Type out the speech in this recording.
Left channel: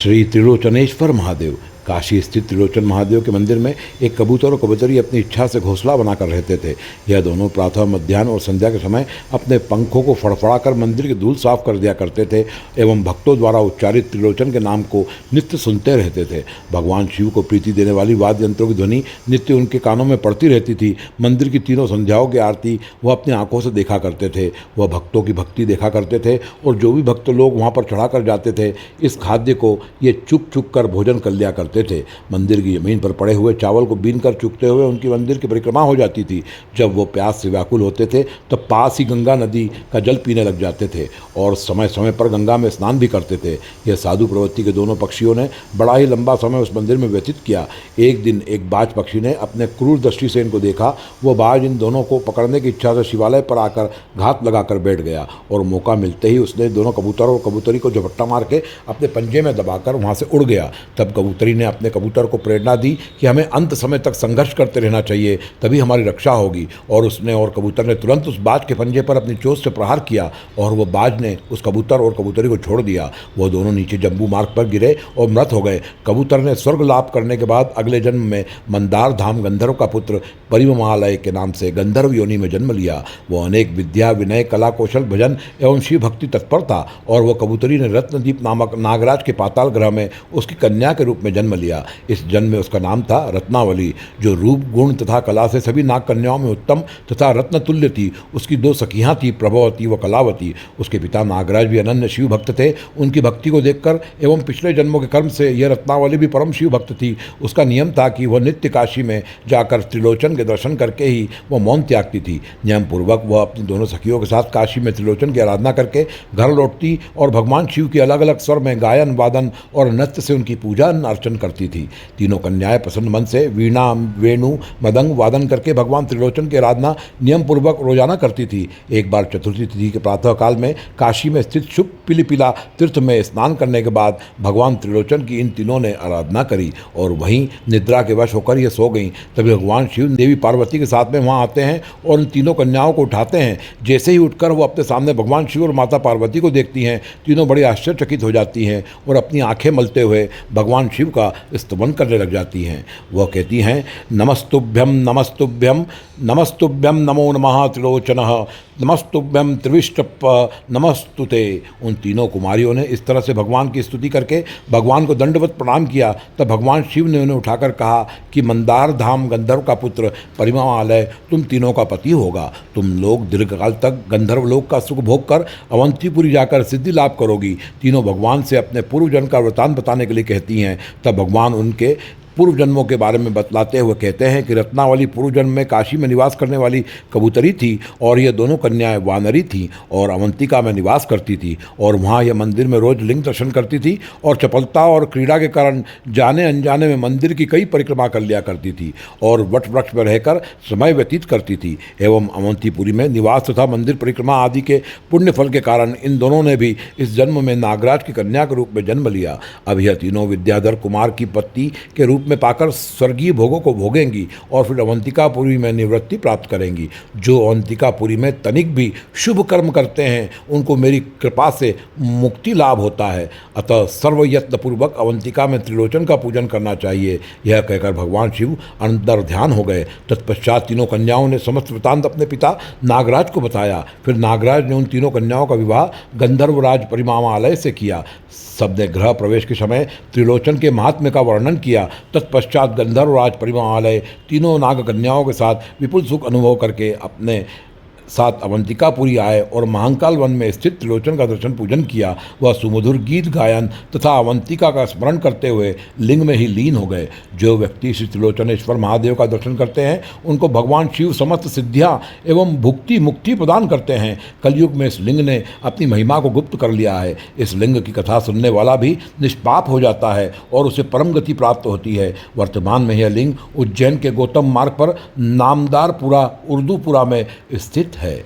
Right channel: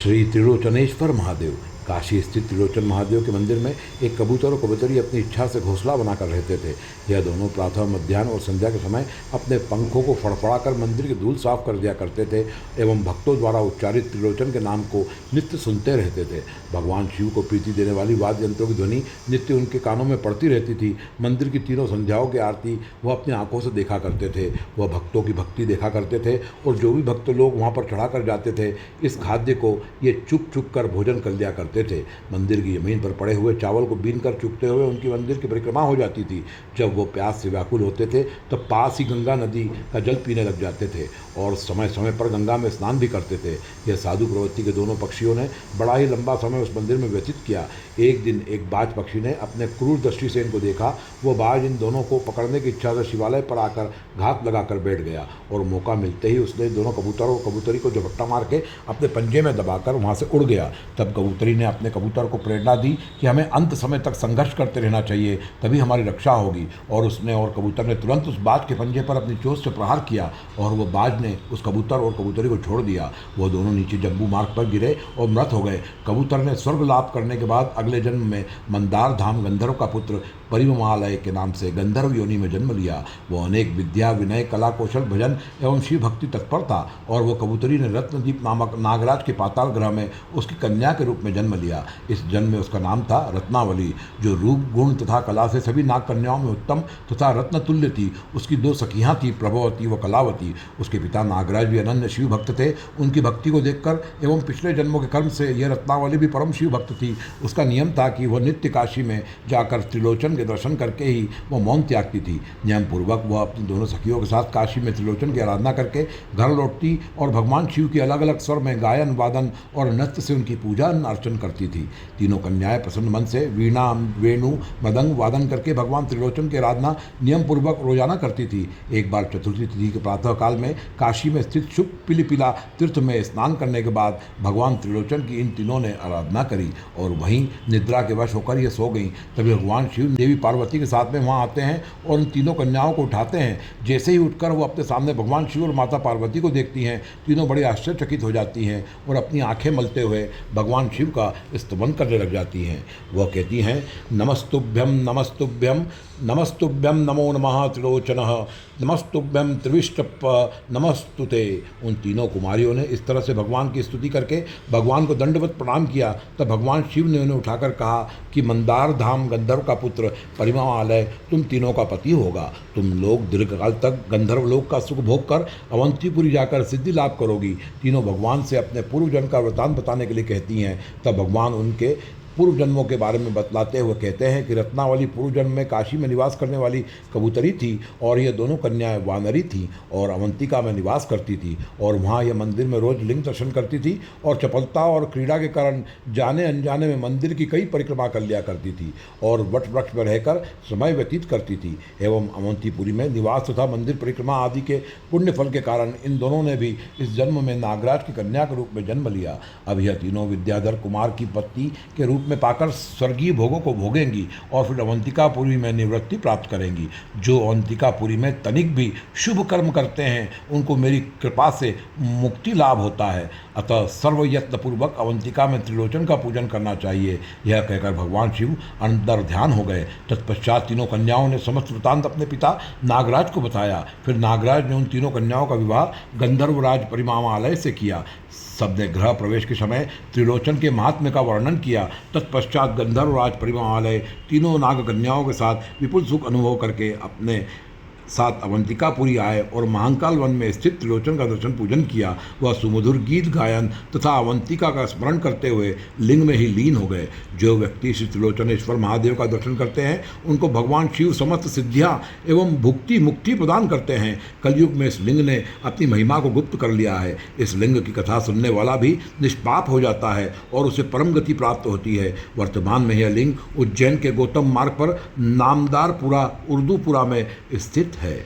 श्री त्रिलोचनेश्वर महादेव। काशी स्थित त्रिलोचन महादेव के मंदिर में एक कबूतर और कबूतरी अपनी इच्छा से घोंसला बनाकर रहते थे। यह दोनों प्रातः, मध्याह्न और संध्या के समय अपने पंखों को फड़फड़ाकर मंदिर की धूल साफ कर दिया करते थे एवं भक्तों द्वारा उच्चारित त्रिलोचन के नाम को नित्य सुनते रहते थे। भगवान शिव को प्रीति देने वाली वाद्य यंत्रों की ध्वनि नित्य उनके कानों में पड़ती रहती थी। मंदिर की तीनों संध्याओं की आरती वह अपनी आंखों से देखा करते थे। वह भक्तों की भक्ति देखा करते थे और जो भी भक्त लोग वहाँ पर चढ़ा कर जाते थे, इस खाद्य को ये चुप चुप कर भोजन कर लिया करते थे। मंदिर की जमीन पर पड़े हुए चावल को बीन कर चुगते हुए उनकी मंदिर की परिक्रमा हो जाती थी। जब वो प्यास से व्याकुल होते थे तब पास ही गंगा नदी का जल पीने लग जाते थे और समय समय पर गंगा में स्नान भी करते थे। यह साधु प्रवृत्ति के दोनों पक्षियों ने बड़ा ही लंबा समय उस मंदिर में व्यतीत किया। एक दिन एक बाज पक्षी ने अपने क्रूर दृष्टि से इनको देखा। वो बाज इन दोनों को पकड़ने की इच्छा से शिवालय पर आकर घात लगाकर बैठ गया और मौका मिलते ही उसने दोनों कबूतर और कबूतरी को झपट्टा मार के अपने पंजे में दबाकर वहाँ से उड़ गया। तब कबूतरी ने अपने कबूतर को प्रेरणा दी कि हमें अंत समय तक संघर्ष करते रहना चाहिए, तभी हमारी रक्षा होगी। और उसने और कबूतर ने तुरंत उस बाज के पंजे पर अपनी चोंच से प्रहार किया और वह बाज ने उस कबूतर और कबूतरी को छोड़ दिया। वह दोनों नीचे जम्बू मार्ग पर गिरे और मृत हो गए। कबूतर ने स्वर्ग लाभ करने के बाद अगले जन्म में मंदार धाम गंधर्व का पुत्र परिवमालय के नाम से गंधर्व योनि में जन्म लिया। वह अनेक विद्या, विनय, कला, कौशल, भजन एवं शिव भक्ति तत्पर था और वह कबूतरी ने रत्नदीप नामक नागराज के पाताल ग्रह में उसकी कन्या के रूप में जन्म लिया। इस जन्म में उसका नाम था रत्नावली, जो रूप, गुण तथा कला से सभी नाग कन्याओं में उत्तम तथा रत्नतुल्य थी। उसकी दो सखियां थी, प्रभवती व कलावती। उसके पिता नागराज भी अनन्य शिव भक्त थे। उनकी भक्ति को देखकर एवं पिछले जन्मों के कर्म से यह रत्नावली भी परम शिव भक्त थी। उसका नियम था कि वह नित्य काशी में जाकर त्रिलोचन के दर्शन करके ही वह मौन त्यागती थी। नियम पूर्वक वह अपनी दोनों सखियों के साथ काशी में त्रिलोचन की आराधना करके घर लौटती और भगवान शिव के अलग अलग स्वर में गायन, वादन और नृत्य से उनकी पूजा अर्चन करती थी। तीनों कन्याएं प्रसन्न मन से वीणा, वेणु, मदंग वादन करके भगवान त्रिलोचन की आराधना नियम पूर्वक रोजाना करती थी। एक बार चतुर्थी तिथि के प्रातः काल में काशी में स्थित शुभ पिलिपिला तीर्थ में स्नान करने के बाद भगवान त्रिलोचन की इन तीनों ने आराधना करी और वहीं निद्रा के वश होकर ये सो गईं। तभी भगवान शिव देवी पार्वती के साथ में वहाँ आते हैं और उन तीनों कन्याओं को उठाते हैं। जैसे ही उठकर वो अपने सामने भगवान शिव और माता पार्वती को देखती हैं, तीनों बड़ी आश्चर्यचकित हो जाती हैं और अपनी आंखें मलते हुए भगवान शिव का स्तवन करने लग जाती हैं। वह कहती हैं, नमस्तुभ्यम नमस्तुभ्यम नमस्तुभ्यम नमो नमः त्रिलोचनः नमस्तुभ्यम त्रिविष्टप नमस्तुते। उन तीनों कुमारियों ने इस तरह से भगवान की स्तुति करके भगवान को दंडवत प्रणाम किया। तब भगवान शिव ने उन्हें उठाकर कहा कि मंदार धाम गंधर्व का पुत्र परिवमालय तुम तीनों का पति होगा। तुम लोग दीर्घकाल तक गंधर्व लोक का सुख भोग कर अवंतीपुरी जाकर सिद्धि लाभ करोगी। तीनों भगवान से अपने पूर्व जन्म का वृतांत बताने के लिए कहती हैं। तब भगवान उनके पूर्व जन्मों के बारे में बतलाते हुए कहते हैं कि रत्नावली पूर्व जन्म में काशी में निवास करने वाली कबूतरी थी और ये दोनों कन्याएं वानरी थीं और अवंतिका में निवास करती थी और वहाँ यह मंदिर में रोज लिंग दर्शन करती थी और चपलता और क्रीड़ा के कारण जाने अनजाने में मंदिर की कई परिक्रमा कर लिया करती थी और वट वृक्ष पर रहकर समय व्यतीत करती थी। एवं अवंतीपुरी में निवास तथा मंदिर परिक्रमा आदि के पुण्य फल के कारण इन दोनों ने भी इस जन्म में नागराज की कन्या के रूप में जन्म लिया। अब यह तीनों विद्याधर कुमार की पत्नी के रूप में पाकर स्वर्गीय भोगों को भोगेंगी और फिर अवंतिकापुरी में निवृत्ति प्राप्त करेंगी। जो अवंतिकापुरी में तनिक भी शुभ कर्म करते हैं उनको मेरी कृपा से मुक्ति लाभ होता है। अतः सर्वयत्नपूर्वक अवंतिका में त्रिलोचन का पूजन करना चाहिए। यह कहकर भगवान शिव अंतर ध्यान हो गए। तत्पश्चात तीनों कन्याओं ने समस्त वृतांत अपने पिता नागराज को बताया। फिर नागराज ने उन तीनों कन्याओं का विवाह गंधर्वराज परिवमालय से किया। सबने गृह प्रवेश के समय त्रिलोचन के महात्म्य का वर्णन किया। तत्पश्चात गंधर्वराज परिवमालय तीनों नाग कन्याओं के साथ विपुल सुख अनुभव करके अपने साथ अवंतिकापुरी आए और महाकाल वन में स्थित त्रिलोचन का दर्शन पूजन किया। वह सुमधुर गीत गायन तथा अवंतिका का स्मरण करते हुए लिंग में ही लीन हो गए। जो व्यक्ति श्री त्रिलोचनेश्वर महादेव का दर्शन करते हैं उनको भगवान शिव समस्त सिद्धियां एवं भुक्ति मुक्ति प्रदान करते हैं। कलयुग में इस लिंग ने अपनी महिमा को गुप्त कर लिया है। इस लिंग की कथा सुनने वाला भी निष्पाप हो जाता है और उसे परम गति प्राप्त होती है। वर्तमान में यह लिंग उज्जैन के गौतम मार्ग पर नामदारपुरा उर्दूपुरा में स्थित है।